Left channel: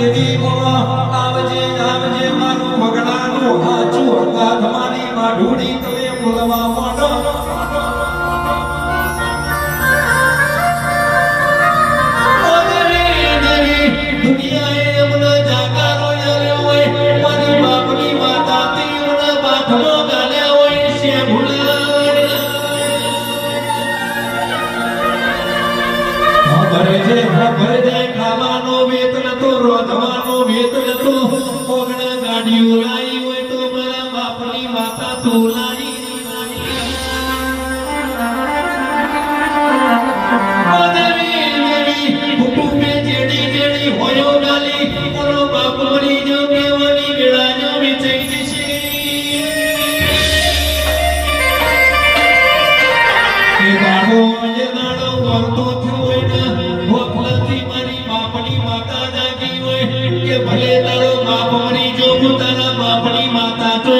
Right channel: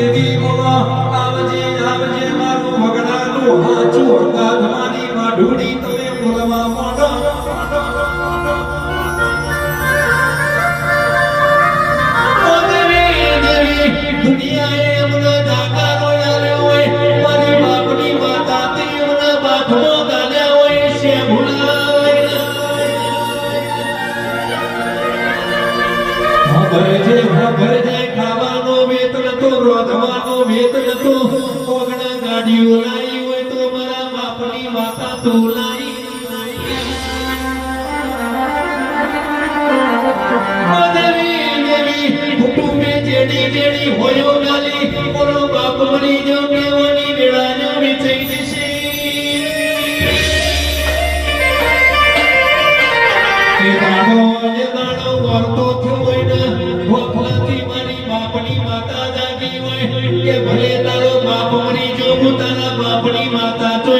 દેવી બોલો આવજે આવજે મારું મગનાનું હાચું હકા તમારી માઢુડી તમે બોલવા માંડો ઓ દેવી દેવી દુનિયાએ અમને જાગારો યાલ્યો હોય મારી માગણી માતા તીવના બાથમો ગાલ્યા હોય છે ભૂલા ભરે જે ભરે જાય ખાવાનો વેતન તો રોધવાનો વેતન તો ઓગણા ગાડીઓ લાવી હોય તો મારા બાપની માતા તો લાવી દેવી દેવી કુટુંબે જેડી જેડી હોયો ગાલી ઓનો બાપ મરી જો કેવાની વેળા જો વિચઈ દિશે એ બાળો મળતો થયો હોય ને ભોગવતી મારી બાપની માતા જાગી હોય કે ભલે તારો બાપ મરી જો તારા બાપની માતા તો